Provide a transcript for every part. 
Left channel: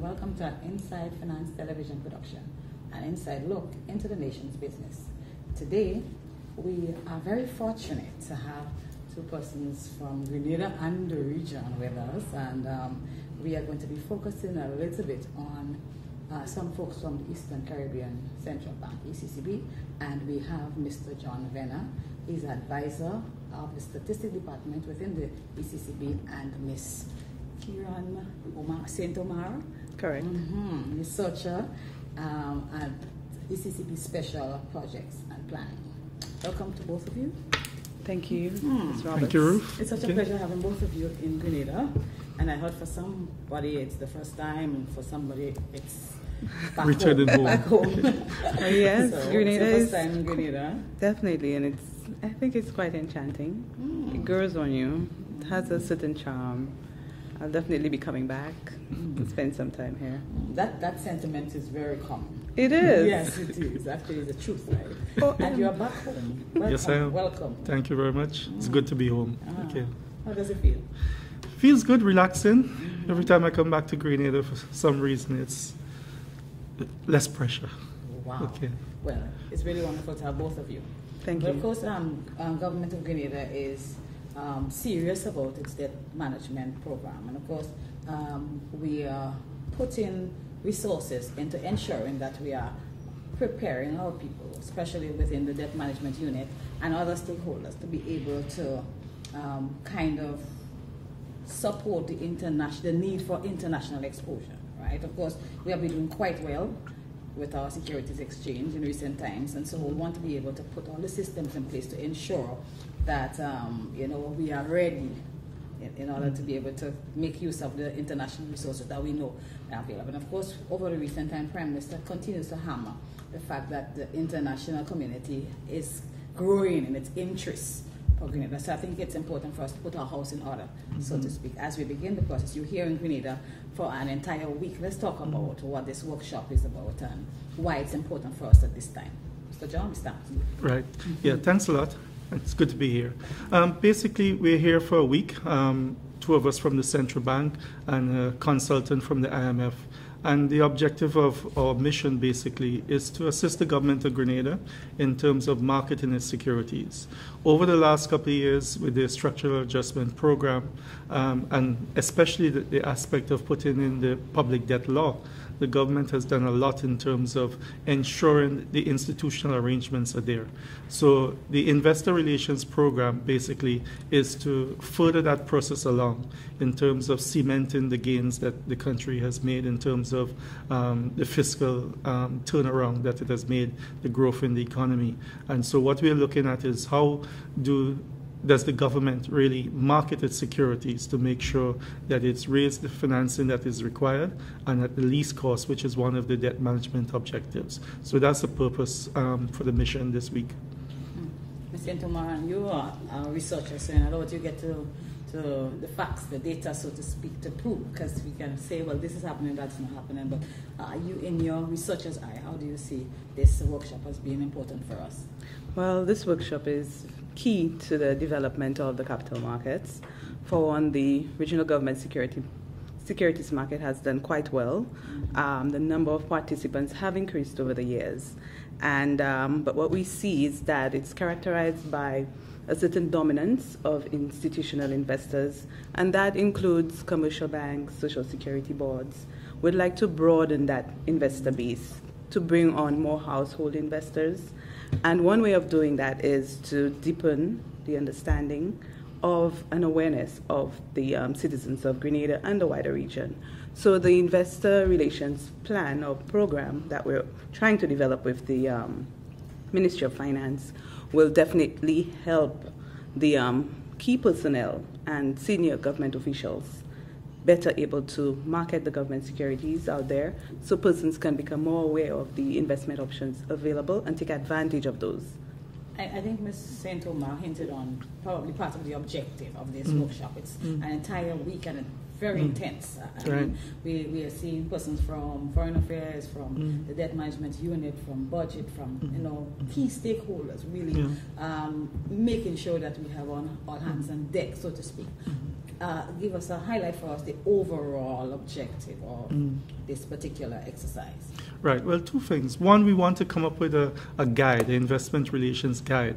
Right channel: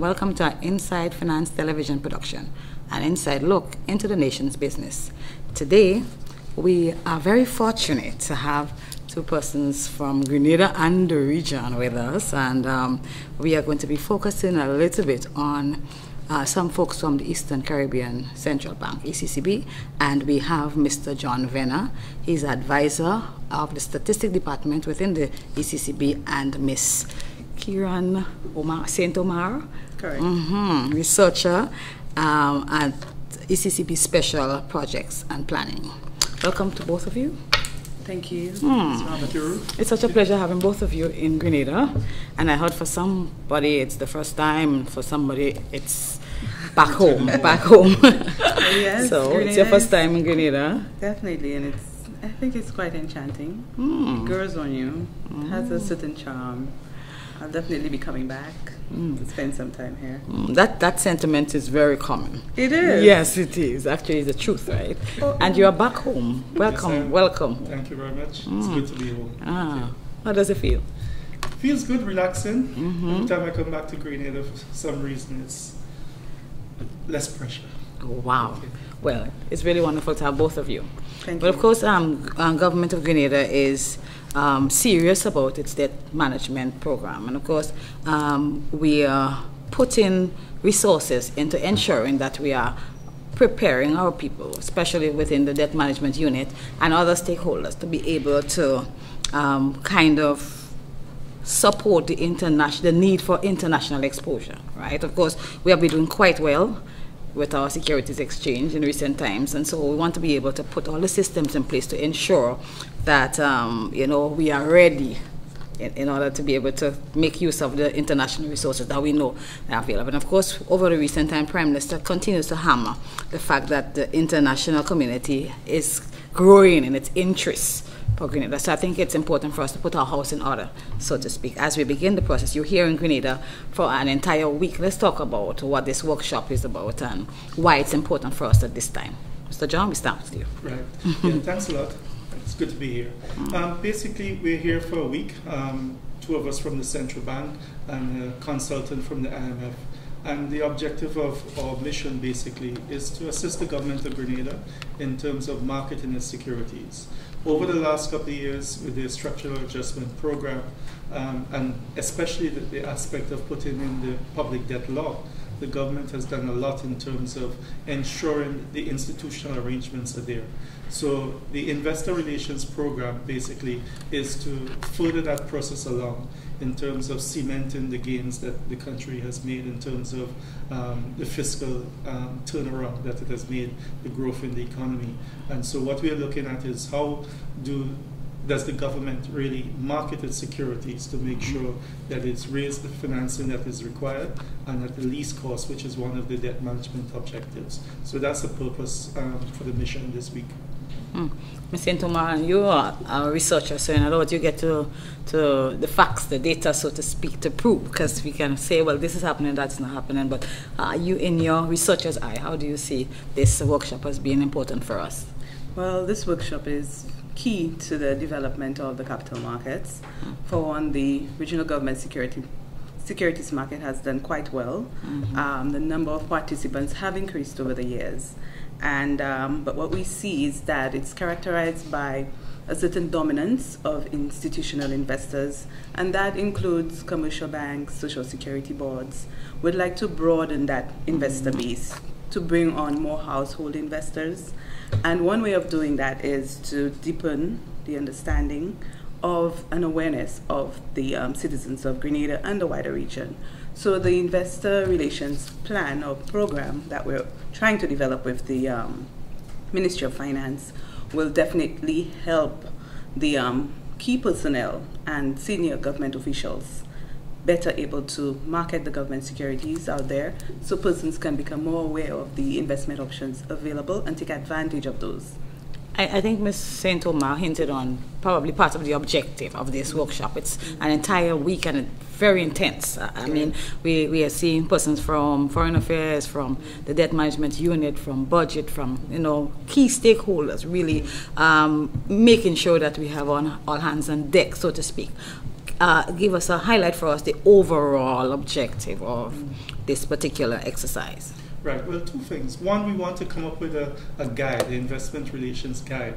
Welcome to our Inside Finance Television production, an inside look into the nation's business. Today, we are very fortunate to have two persons from Grenada and the region with us, and we are going to be focusing a little bit on some folks from the Eastern Caribbean Central Bank, ECCB, and we have Mr. John Venner. He's advisor of the Statistics Department within the ECCB, and Miss Kieran Omer, Omer. Correct. Researcher at ECCB Special Projects and Planning. Welcome to both of you. Thank you. Thank you. It's such a pleasure having both of you in Grenada. And I heard for somebody it's the first time, for somebody it's back home. Yes, so Grenada, it's your first time in Grenada. Definitely, and I think it's quite enchanting. It grows on you. It has a certain charm. I'll definitely be coming back to spend some time here. That sentiment is very common. It is. Yes, it is. Actually, it's the truth, right? And you are back home. Welcome, Yes, welcome. Thank you very much. It's good to be home. Okay. How does it feel? Feels good, relaxing. Every time I come back to Grenada, for some reason, it's less pressure. Oh, wow. Okay. Well, it's really wonderful to have both of you. Thank But you. of course, Government of Grenada is serious about its debt management program. And of course, we are putting resources into ensuring that we are preparing our people, especially within the debt management unit and other stakeholders, to be able to kind of support the need for international exposure, right? Of course, we have been doing quite well with our securities exchange in recent times, and so we want to be able to put all the systems in place to ensure that we are ready in order to be able to make use of the international resources that we know are available. And of course, over the recent time, Prime Minister continues to hammer the fact that the international community is growing in its interests for Grenada. So I think it's important for us to put our house in order, so to speak, as we begin the process. You're here in Grenada for an entire week. Let's talk about what this workshop is about and why it's important for us at this time. Mr. John, we start with you. Right. Yeah, thanks a lot. It's good to be here. Basically, we're here for a week. Two of us from the Central Bank and a consultant from the IMF. And the objective of our mission basically is to assist the Government of Grenada in terms of marketing its securities. Over the last couple of years with the structural adjustment program, and especially the aspect of putting in the public debt law, the government has done a lot in terms of ensuring the institutional arrangements are there. So the investor relations program basically is to further that process along in terms of cementing the gains that the country has made in terms of the fiscal turnaround that it has made, the growth in the economy. And so what we're looking at is how does the government really market its securities to make sure that it's raised the financing that is required and at the least cost, which is one of the debt management objectives. So that's the purpose for the mission this week. Ms. Omer, you are a researcher, so in other words, you get to the facts, the data, so to speak, to prove, because we can say, well, this is happening, that's not happening, but you, in your researcher's eye, how do you see this workshop as being important for us? Well, this workshop is key to the development of the capital markets. For one, the regional government securities market has done quite well. The number of participants have increased over the years. And but what we see is that it's characterized by a certain dominance of institutional investors, and that includes commercial banks, social security boards. We'd like to broaden that investor base to bring on more household investors. And one way of doing that is to deepen the understanding of an awareness of the citizens of Grenada and the wider region. So the investor relations plan or program that we're trying to develop with the Ministry of Finance will definitely help the key personnel and senior government officials better able to market the government securities out there, so persons can become more aware of the investment options available and take advantage of those. I think Ms. St. Omer hinted on probably part of the objective of this workshop. It's an entire week and it's very intense. I mean, we are seeing persons from foreign affairs, from the debt management unit, from budget, from key stakeholders, really making sure that we have on all hands on deck, so to speak. Give us a highlight for us, the overall objective of this particular exercise. Right. Well, two things. One, we want to come up with a guide, the investment relations guide,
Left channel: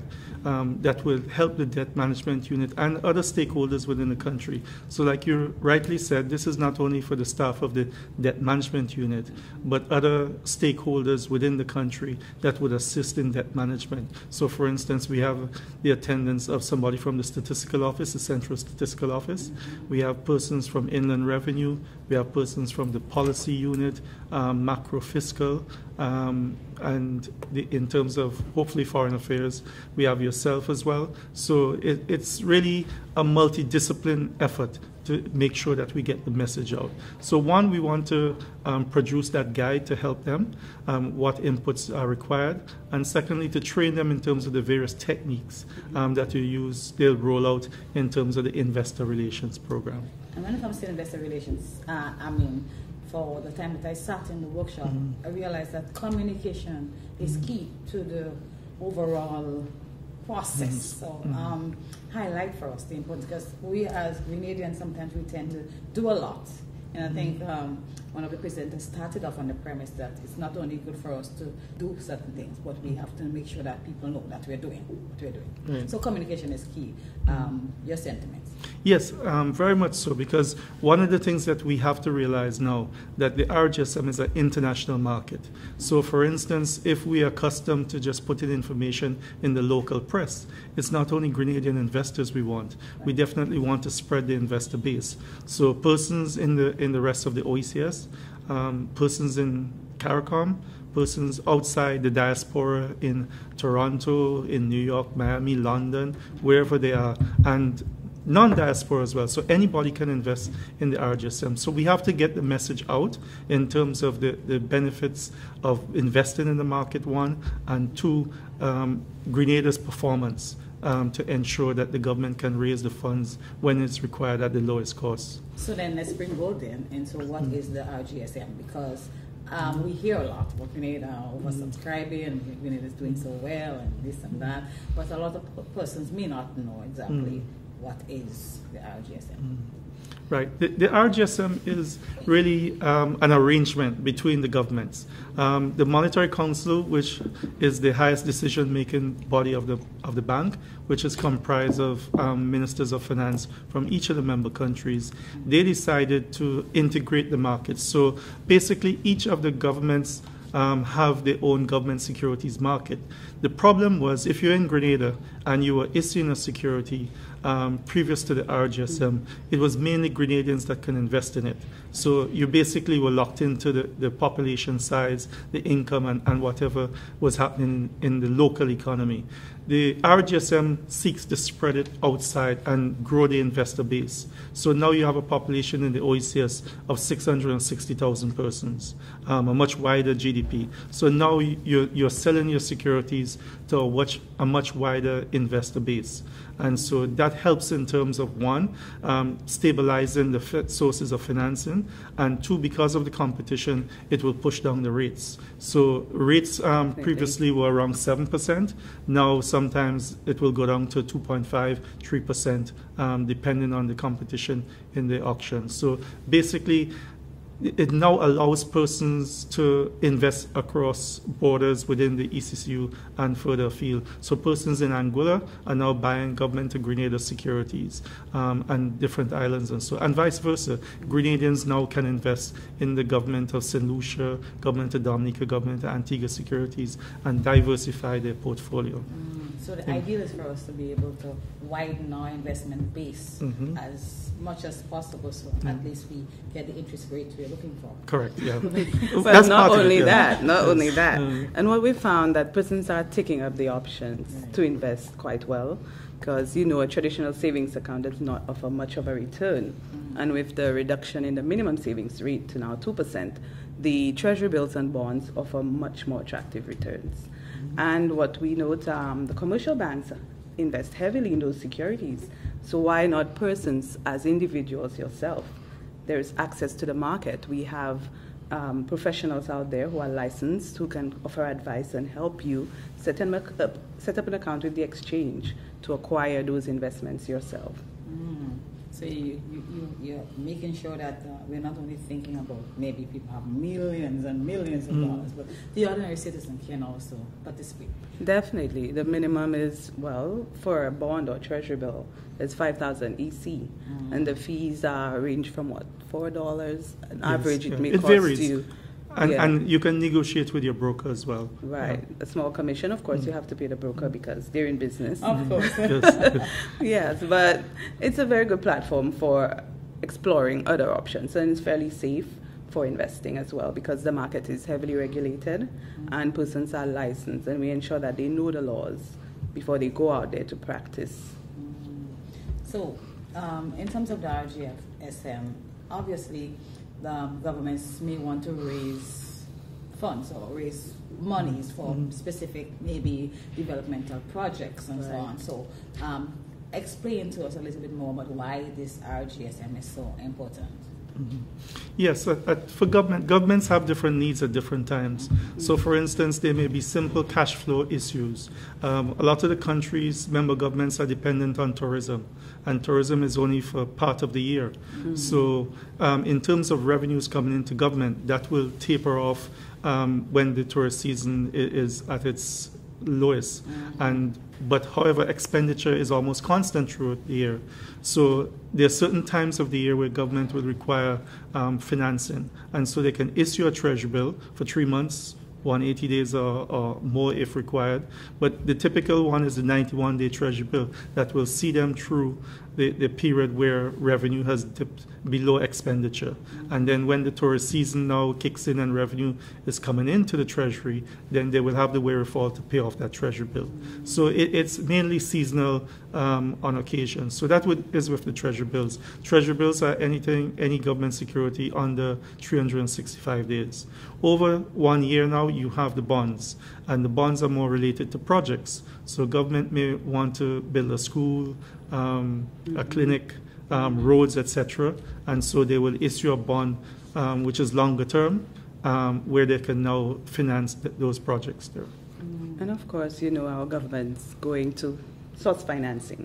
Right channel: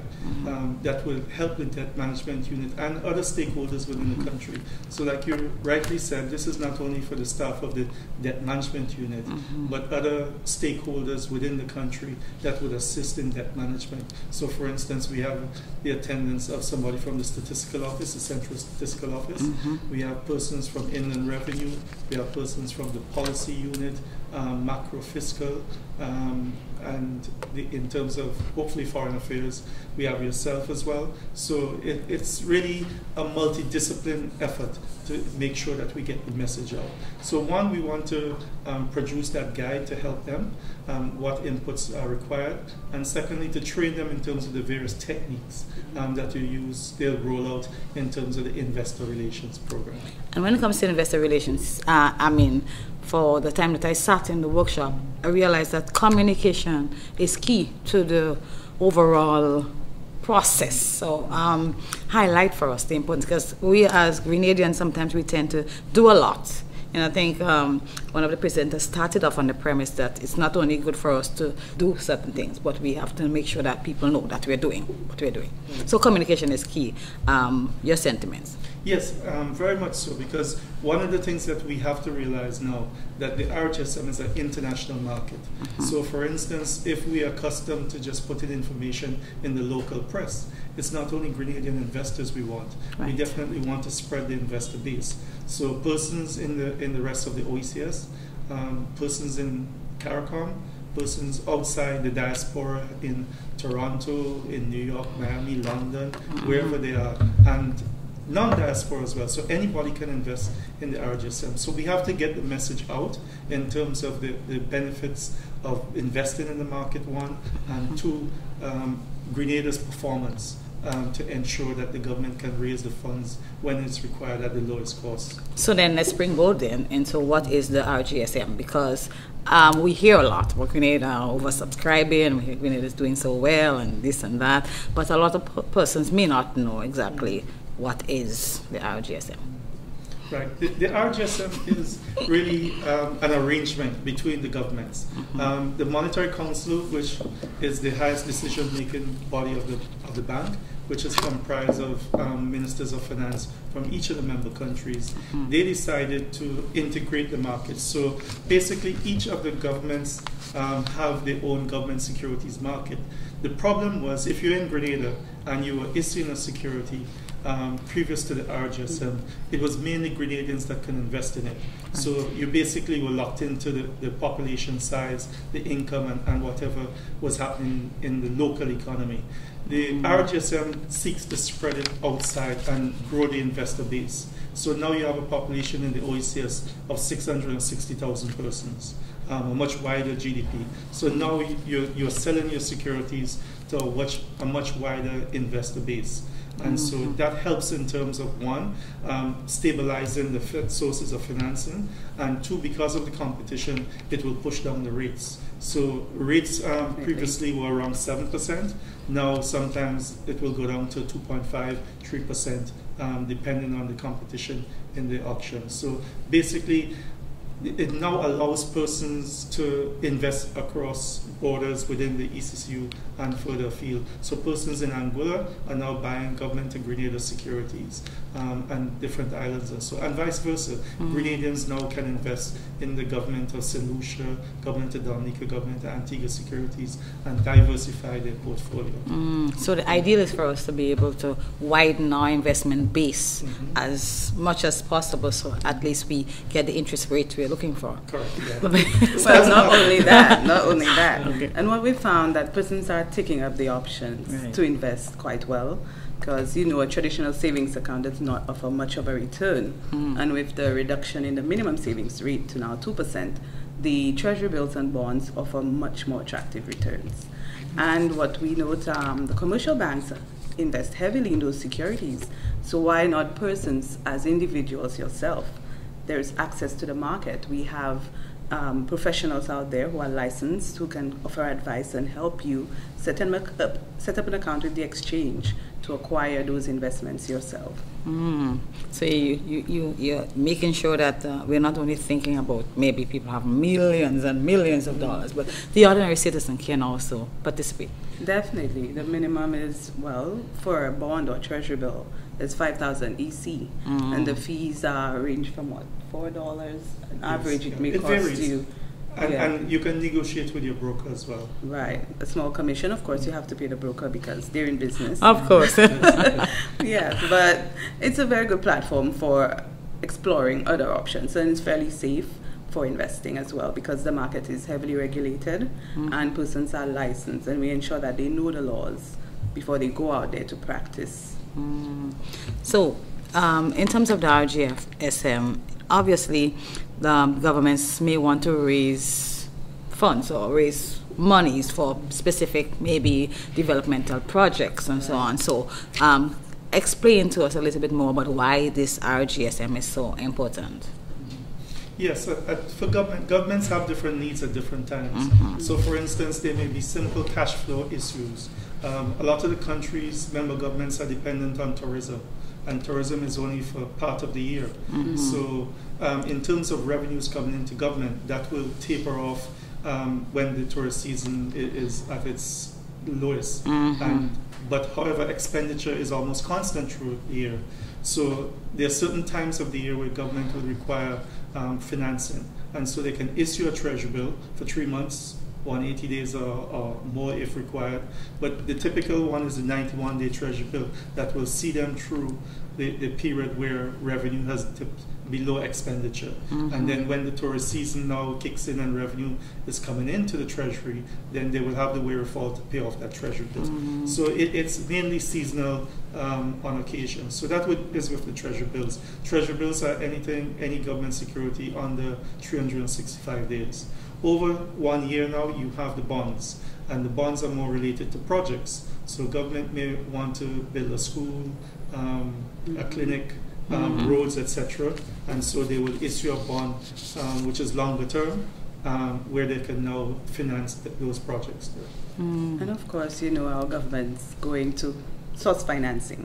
that will help the debt management unit and other stakeholders within the country. So like you rightly said, this is not only for the staff of the debt management unit, but other stakeholders within the country that would assist in debt management. So for instance, we have the attendance of somebody from the statistical office, the central statistical office. We have persons from inland revenue. We have persons from the policy unit, macro fiscal, and in terms of hopefully foreign affairs, we have yourself as well. So it's really a multidiscipline effort to make sure that we get the message out. So one, we want to produce that guide to help them, what inputs are required, and secondly, to train them in terms of the various techniques that they'll roll out in terms of the investor relations program. And when it comes to investor relations, I mean, for the time that I sat in the workshop, I realized that communication is key to the overall process. So highlight for us the importance, because we as Grenadians, sometimes we tend to do a lot. And I think one of the presenters started off on the premise that it's not only good for us to do certain things, but we have to make sure that people know that we're doing what we're doing. So communication is key. Your sentiments? Yes, very much so, because one of the things that we have to realize now that the RGSM is an international market. So for instance, if we are accustomed to just putting information in the local press, it's not only Grenadian investors we want. We definitely want to spread the investor base. So persons in the rest of the OECS, persons in CARICOM, persons outside the diaspora in Toronto, in New York, Miami, London, wherever they are, and non-diaspora as well. So anybody can invest in the RGSM. So we have to get the message out in terms of the benefits of investing in the market, one, and two, Grenada's performance to ensure that the government can raise the funds when it's required at the lowest cost. So then let's springboard then into what is the RGSM, because we hear a lot about Grenada oversubscribing, Grenada is doing so well and this and that, but a lot of persons may not know exactly what is the RGSM. Right. The RGSM is really an arrangement between the governments. The Monetary Council, which is the highest decision-making body of the bank, which is comprised of ministers of finance from each of the member countries, they decided to integrate the markets. So basically, each of the governments have their own government securities market. The problem was, if you're in Grenada and you were issuing a security, previous to the RGSM, it was mainly Grenadians that can invest in it. So you basically were locked into the population size, the income, and whatever was happening in the local economy. The RGSM seeks to spread it outside and grow the investor base. So now you have a population in the OECS of 660,000 persons, a much wider GDP. So now you're selling your securities to a much wider investor base. And so that helps in terms of, one, stabilizing the sources of financing, and two, because of the competition, it will push down the rates. So rates previously were around 7%. Now sometimes it will go down to 2.5, 3%, depending on the competition in the auction. So basically, it now allows persons to invest across borders within the ECCU and further afield. So persons in Angola are now buying Government of Grenada securities and different islands and so, and vice versa. Grenadians now can invest in the government of St. Lucia, government of Dominica, government of Antigua Securities, and diversify their portfolio. So the ideal is for us to be able to widen our investment base as much as possible, so at least we get the interest rate we're looking for. Correct, yeah. Well, not only that. Okay. And what we found that persons are taking up the options to invest quite well, because a traditional savings account does not offer much of a return. And with the reduction in the minimum savings rate to now 2%, the treasury bills and bonds offer much more attractive returns. And what we note, the commercial banks invest heavily in those securities. So why not persons as individuals yourself? There's access to the market. We have professionals out there who are licensed, who can offer advice and help you set up an account with the exchange to acquire those investments yourself. So you're making sure that we're not only thinking about maybe people have millions and millions of dollars, but the ordinary citizen can also participate. Definitely. The minimum is, for a bond or treasury bill, it's 5,000 EC. And the fees range from what, $4? On average, it may cost varies. you. And you can negotiate with your broker as well. Right. A small commission, of course, you have to pay the broker because they're in business. Of course. Yeah, but it's a very good platform for exploring other options, and it's fairly safe for investing as well, because the market is heavily regulated and persons are licensed, and we ensure that they know the laws before they go out there to practice. So in terms of the RGSM, obviously the governments may want to raise funds or raise monies for specific maybe developmental projects and so on. So explain to us a little bit more about why this RGSM is so important. Yes, for governments have different needs at different times. So for instance, there may be simple cash flow issues. A lot of the countries, member governments, are dependent on tourism, and tourism is only for part of the year. So in terms of revenues coming into government, that will taper off when the tourist season is at its lowest. But however, expenditure is almost constant throughout the year. So there are certain times of the year where government will require financing, and so they can issue a treasury bill for 3 months, 180 days or more if required. But the typical one is the 91-day treasury bill that will see them through the period where revenue has dipped below expenditure. And then when the tourist season now kicks in and revenue is coming into the treasury, then they will have the wherewithal to pay off that treasury bill. So it's mainly seasonal on occasion. So that is with the treasury bills. Treasury bills are any government security under 365 days. Over 1 year now, you have the bonds, and the bonds are more related to projects. So government may want to build a school, a clinic, roads, etc. And so they will issue a bond, which is longer term, where they can now finance those projects there. And of course, our government's going to source financing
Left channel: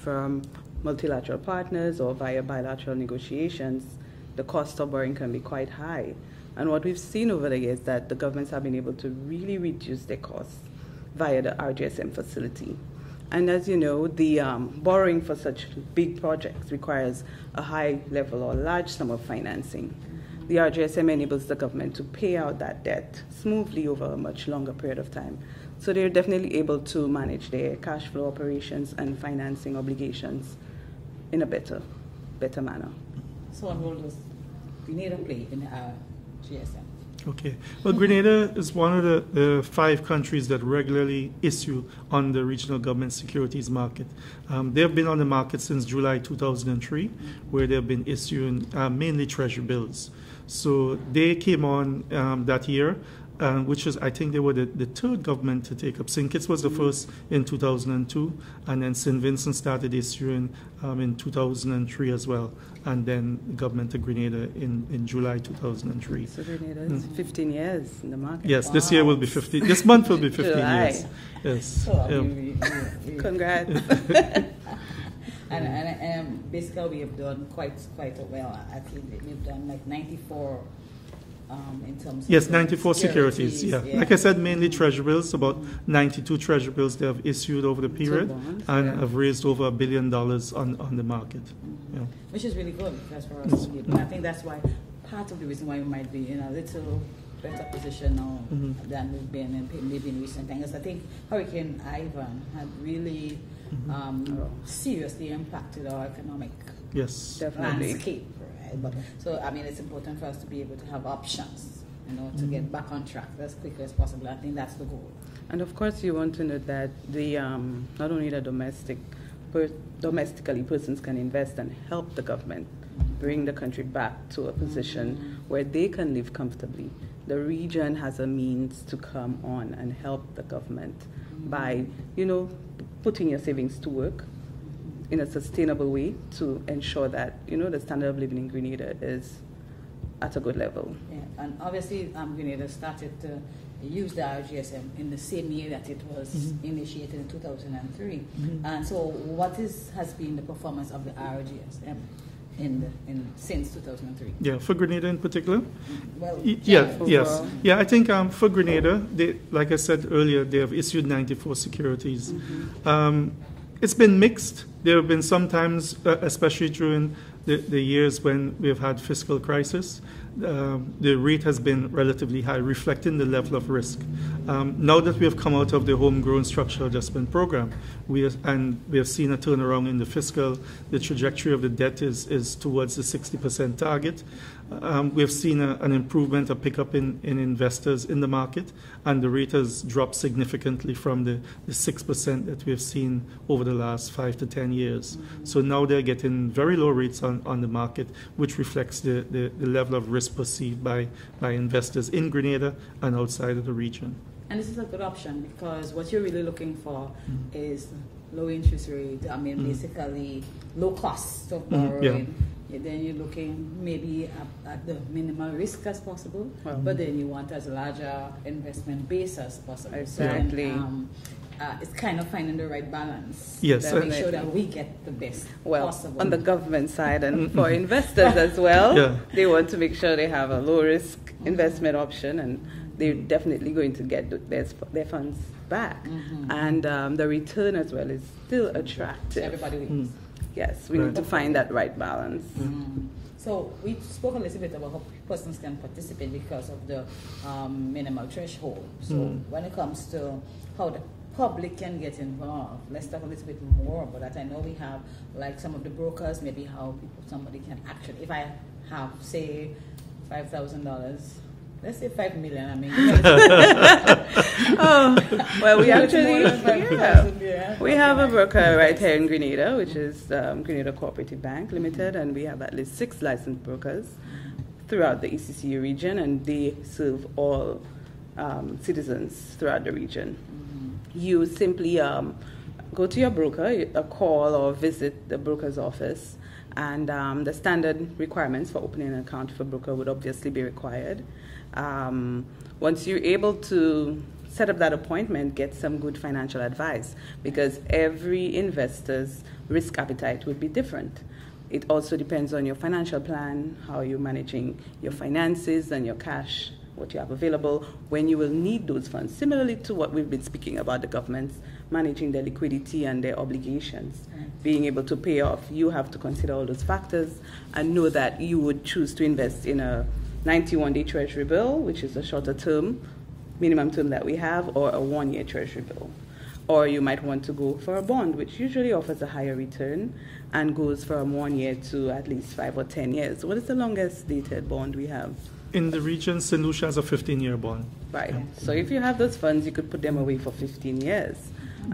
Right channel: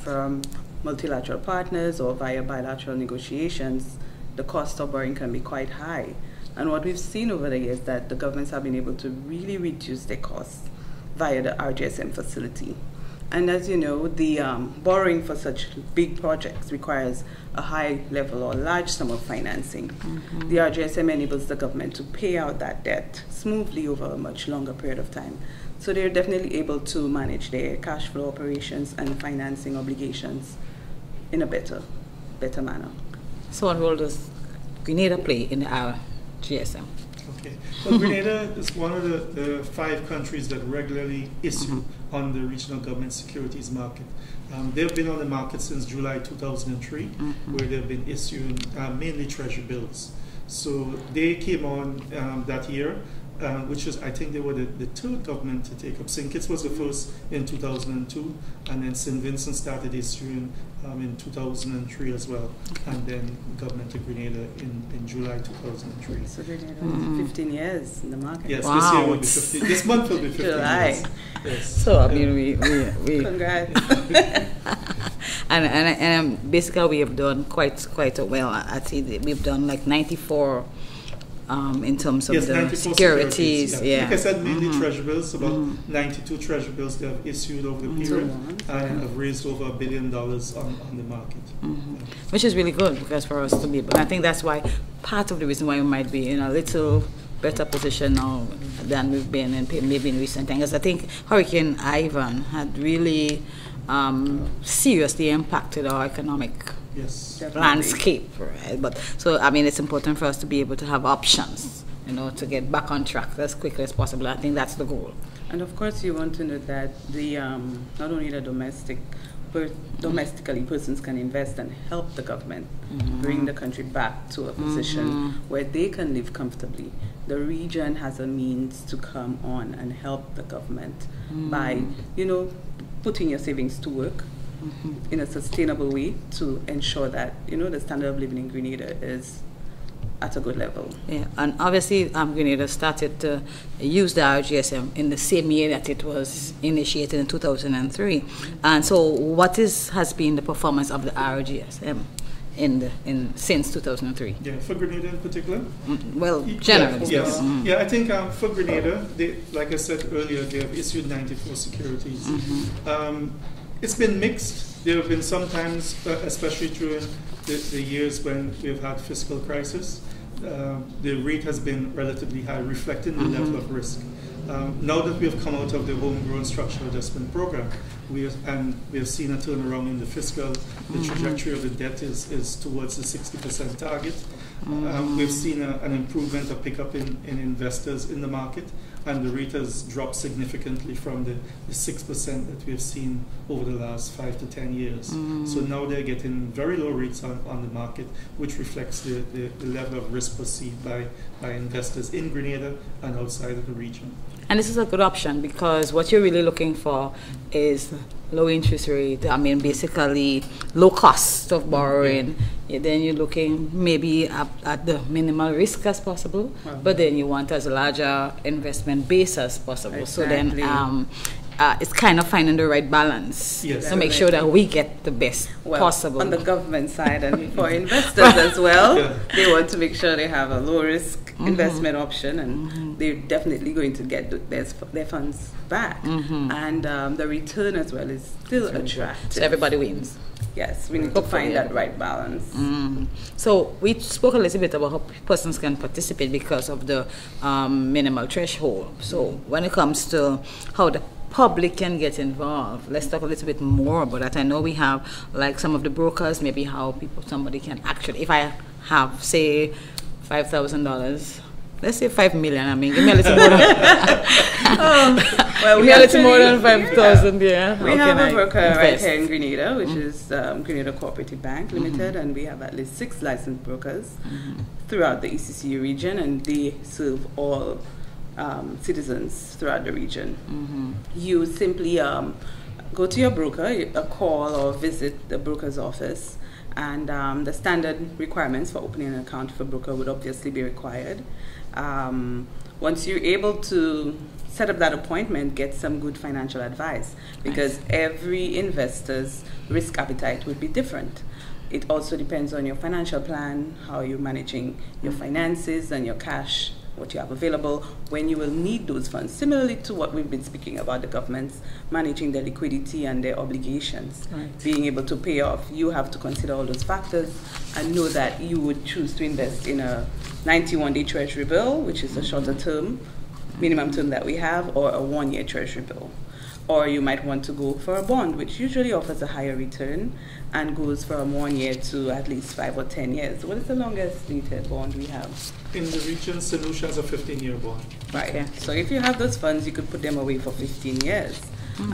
from multilateral partners or via bilateral negotiations. The cost of borrowing can be quite high. And what we've seen over the years is that the governments have been able to really reduce their costs via the RGSM facility. And as you know, the borrowing for such big projects requires a high level or large sum of financing. The RGSM enables the government to pay out that debt smoothly over a much longer period of time. So they're definitely able to manage their cash flow operations and financing obligations in a better manner. So what role does Grenada play in the RGSM? Okay. Well, Grenada is one of the 5 countries that regularly issue on the regional government securities market. They've been on the market since July 2003, where they've been issuing mainly treasury bills. So they came on that year, which is, I think they were the 3rd government to take up. St. Kitts was the first in 2002, and then St. Vincent started issuing in 2003 as well, and then Government of Grenada in July 2003. So Grenada is 15 years in the market. Yes, this year will be 15. This month will be 15 years. Yes. So I mean, we Congrats. and basically we have done quite well. I think we've done like 94 in terms of yes, the 94 securities. Yeah. Yeah. Like I said, mainly treasury bills, about 92 treasury bills they have issued over the period and have raised over $1 billion on the market. Yeah. Which is really good because for us to be, but I think that's why part of the reason why we might be in a little better position now than we've been in maybe in recent times. I think Hurricane Ivan had really seriously impacted our economic landscape, right? But so I mean, it's important for us to be able to have options, you know, to get back on track as quickly as possible. I think that's the goal. And of course, you want to know that the not only the domestically persons can invest and help the government bring the country back to a position where they can live comfortably. The region has a means to come on and help the government by, you know, putting your savings to work in a sustainable way to ensure that, you know, the standard of living in Grenada is at a good level. Yeah, and obviously Grenada started to use the RGSM in the same year that it was initiated in 2003. And so what has been the performance of the RGSM since 2003? Yeah, for Grenada in particular? Well, generally. Yeah, I think for Grenada, they, like I said earlier, they have issued 94 securities. It's been mixed. There have been some times, especially during the years when we've had fiscal crisis, the rate has been relatively high, reflecting the level of risk. Now that we have come out of the homegrown structural adjustment program, we have seen a turnaround in the fiscal. The trajectory of the debt is towards the 60% target. We've seen an improvement, a pickup in investors in the market, and the rate has dropped significantly from the 6% that we've seen over the last 5 to 10 years. So now they're getting very low rates on the market, which reflects the level of risk perceived by investors in Grenada and outside of the region. And this is a good option because what you're really looking for is low interest rate, I mean basically low cost of borrowing. Then you're looking maybe at the minimal risk as possible, but then you want as larger investment base as possible. Exactly. So then it's kind of finding the right balance to make sure that we get the best possible. On the government side and for investors as well, they want to make sure they have a low risk investment option, and they're definitely going to get their funds back. And the return as well is still attractive. So everybody wins. Yes, we need to find that right balance. So we spoke a little bit about how persons can participate because of the minimal threshold. So when it comes to how the public can get involved, let's talk a little bit more about that. I know we have like some of the brokers, maybe how somebody can actually, if I have say $5,000, let's say 5 million. I mean, give me a little more. Well, we a little more than 5,000. Yeah. We have a broker right here in Grenada, which is Grenada Cooperative Bank Limited, and we have at least 6 licensed brokers throughout the ECCB region, and they serve all citizens throughout the region. You simply go to your broker, a call or visit the broker's office, and the standard requirements for opening an account for a broker would obviously be required. Once you're able to set up that appointment, get some good financial advice, because every investor's risk appetite would be different. It also depends on your financial plan, how you're managing your finances and your cash, what you have available, when you will need those funds. Similarly to what we've been speaking about, the governments managing their liquidity and their obligations, being able to pay off, you have to consider all those factors and know that you would choose to invest in a 91-day treasury bill, which is a shorter term, minimum term that we have, or a 1-year treasury bill. Or you might want to go for a bond, which usually offers a higher return and goes from 1 year to at least 5 or 10 years. What is the longest dated bond we have? In the region, Sanusha has a 15-year bond. Right. Okay. So if you have those funds, you could put them away for 15 years.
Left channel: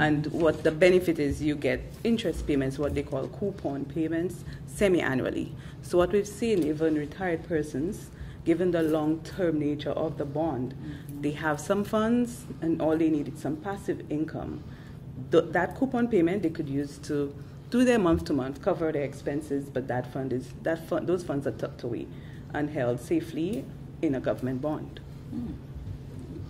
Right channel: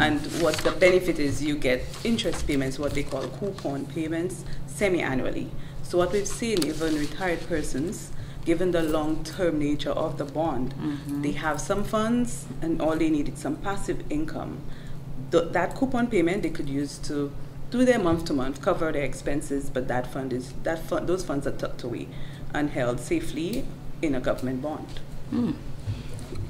And what the benefit is, you get interest payments, what they call coupon payments, semi-annually. So what we've seen, even retired persons, given the long-term nature of the bond, they have some funds and all they need is some passive income. That coupon payment they could use to do their month-to-month, cover their expenses, but those funds are tucked away and held safely in a government bond.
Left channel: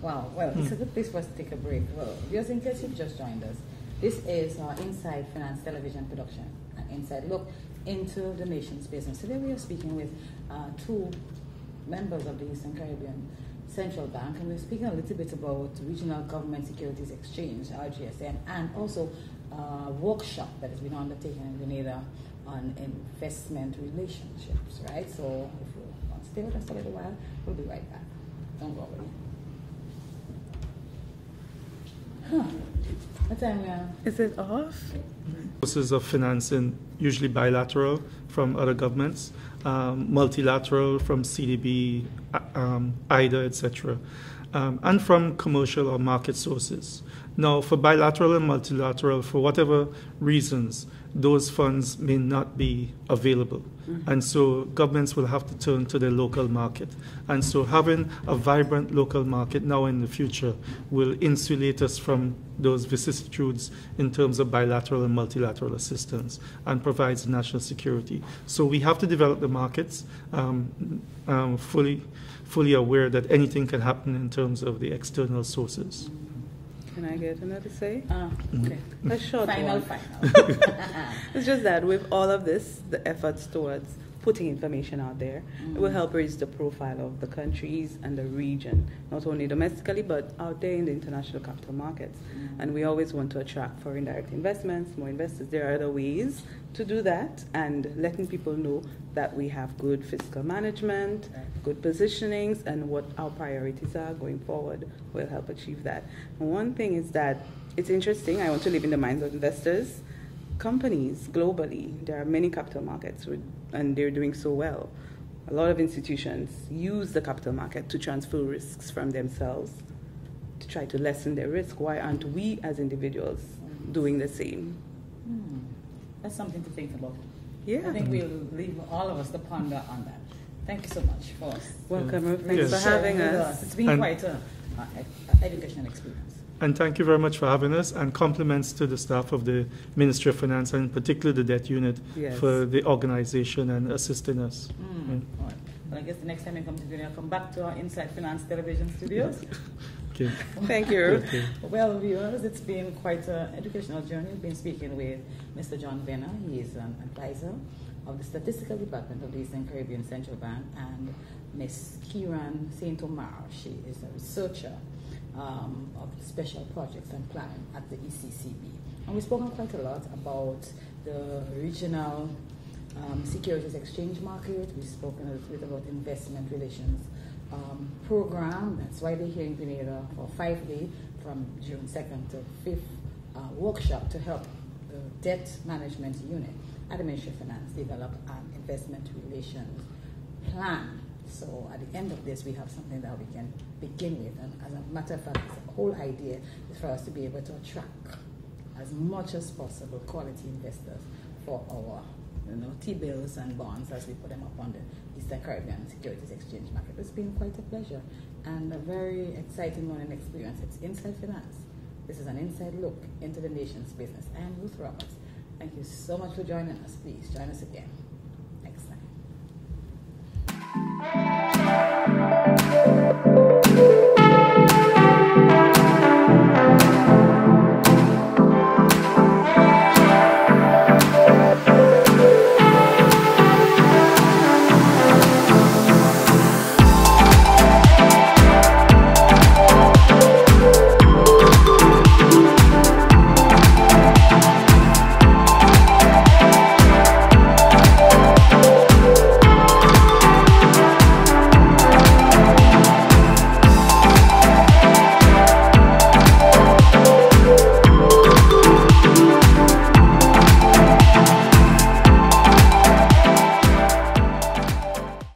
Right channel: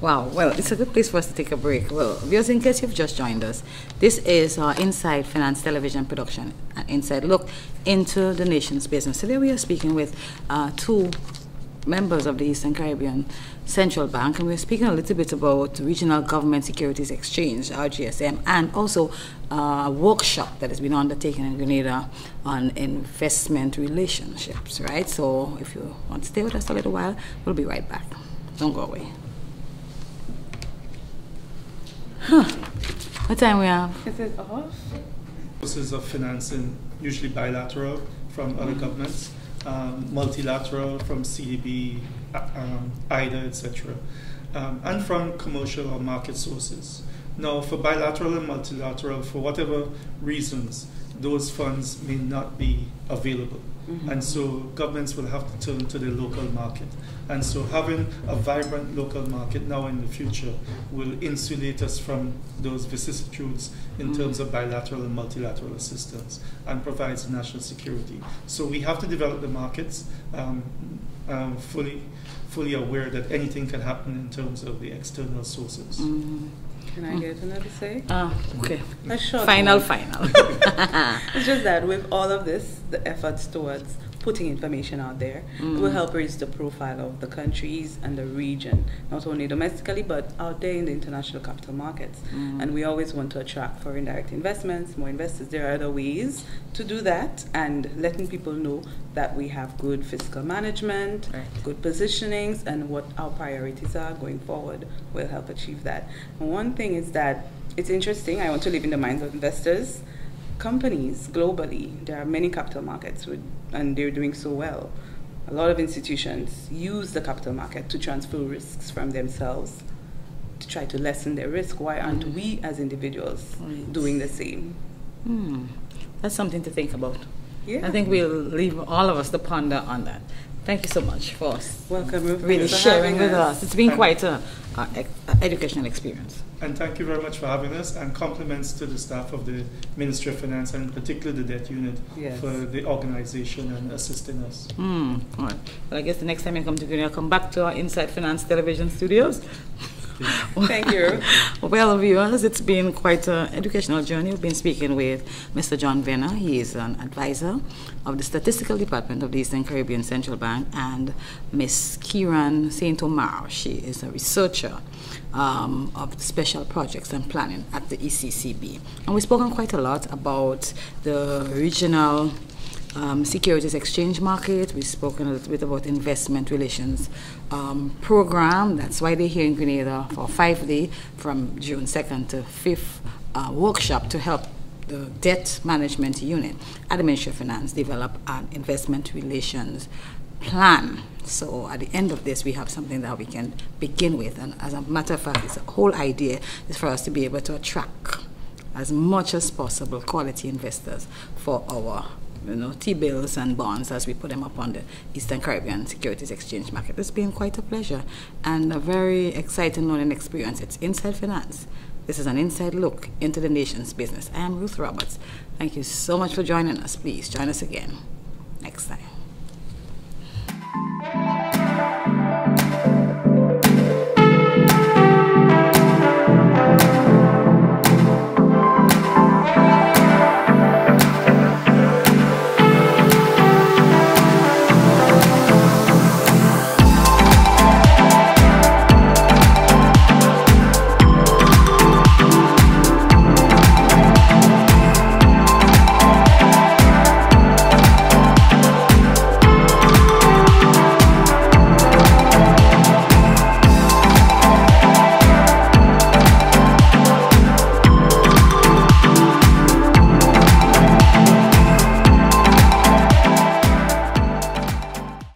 Wow, well, it's a good place for us to take a break. Well, viewers, in case you've just joined us, this is our Inside Finance Television production, an inside look into the nation's business. Today we are speaking with 2 members of the Eastern Caribbean Central Bank, and we're speaking a little bit about Regional Government Securities Exchange, RGSM, and also a workshop that has been undertaken in Grenada on investment relationships, right? So if you want to stay with us a little while, we'll be right back. Don't go away. What time we have? Is it off? Sources of financing, usually bilateral from other governments, multilateral from CDB, IDA, etc., and from commercial or market sources. Now, for bilateral and multilateral, for whatever reasons, those funds may not be available. And so governments will have to turn to the local market. And so having a vibrant local market now in the future will insulate us from those vicissitudes in terms of bilateral and multilateral assistance and provides national security. So we have to develop the markets fully aware that anything can happen in terms of the external sources. Can I get another say? Okay. Sure. Final. It's just that with all of this, the efforts towards putting information out there will help raise the profile of the countries and the region, not only domestically, but out there in the international capital markets. And we always want to attract foreign direct investments, more investors. There are other ways to do that, and letting people know that we have good fiscal management, good positionings, and what our priorities are going forward will help achieve that. And one thing is that it's interesting, I want to live in the minds of investors. Companies globally, there are many capital markets and they're doing so well. A lot of institutions use the capital market to transfer risks from themselves to try to lessen their risk. Why aren't we as individuals doing the same? That's something to think about. Yeah. I think we'll leave all of us to ponder on that. Thank you so much for really sharing with us. It's been quite an educational experience. And thank you very much for having us, and compliments to the staff of the Ministry of Finance, and particularly the debt unit, for the organization and assisting us. All right. Well, I guess the next time you come to Grenada, come back to our Inside Finance television studios. Okay. Thank you. Well, viewers, it's been quite an educational journey. We've been speaking with Mr. John Venner. He is an advisor of the Statistical Department of the Eastern Caribbean Central Bank, and Ms. Kieran Omer. She is a researcher of special projects and planning at the ECCB. And we've spoken quite a lot about the regional securities exchange market. We've spoken a little bit about investment relations program. That's why they're here in Grenada for 5-day from June 2nd to 5th workshop to help the debt management unit at the Ministry of Finance develop an investment relations plan. So at the end of this, we have something that we can begin with. And as a matter of fact, the whole idea is for us to be able to attract as much as possible quality investors for our T-bills and bonds as we put them up on the Eastern Caribbean Securities Exchange market. It's been quite a pleasure and a very exciting learning experience. It's Inside Finance. This is an inside look into the nation's business. I am Ruth Roberts. Thank you so much for joining us. Please join us again next time.